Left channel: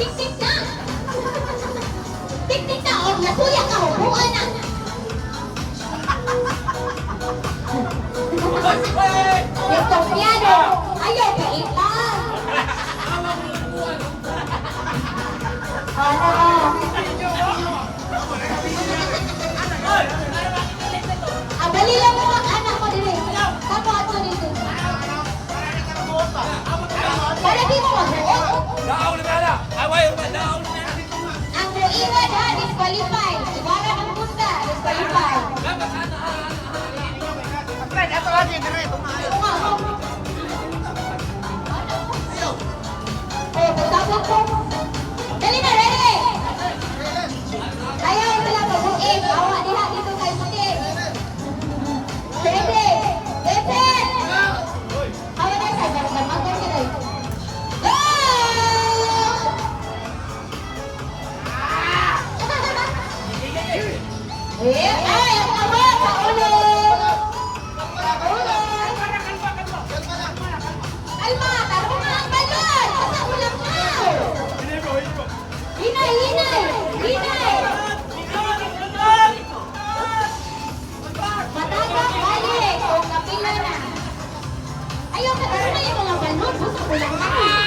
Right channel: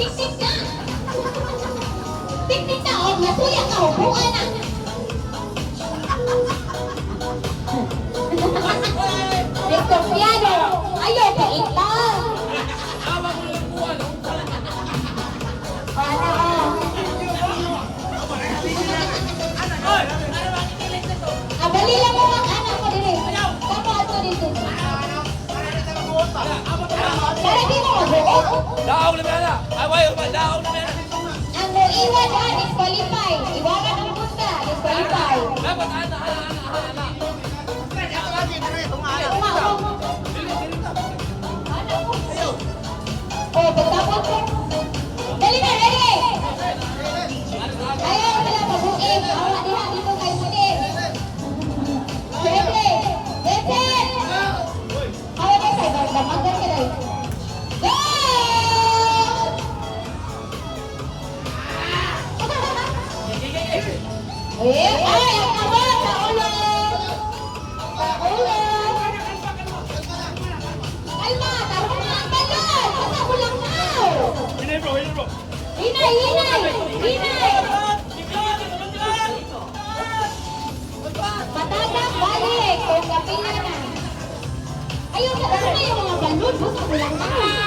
Tik-tik na! Tik-tik na! O, nasuya ka! Hubuan na! Desconfiado! Ayaw, bait lang! Dali lang mo ang anak ko dito. Tapa ato dito. Para di mo magbuot. Daog na bala! Away ba? Daog na bala! Ang muiwan ha, disqualify. Iwanan ang pusta, disqualify. Dapat ana. Oh, pagtapos ko. Dali na, ready! Ayaw sila mag-uim. Awa diha dito kay Mudin. Ready! Listen! Awa na sa magdamagan sila. Go! Ay, ang awa sa ulo! Kalma, taro na ang balon! Basta ulang now! Hinay! Matagang balik! Kung kapila na. Ayaw na yung mga balon! Basta ulang now!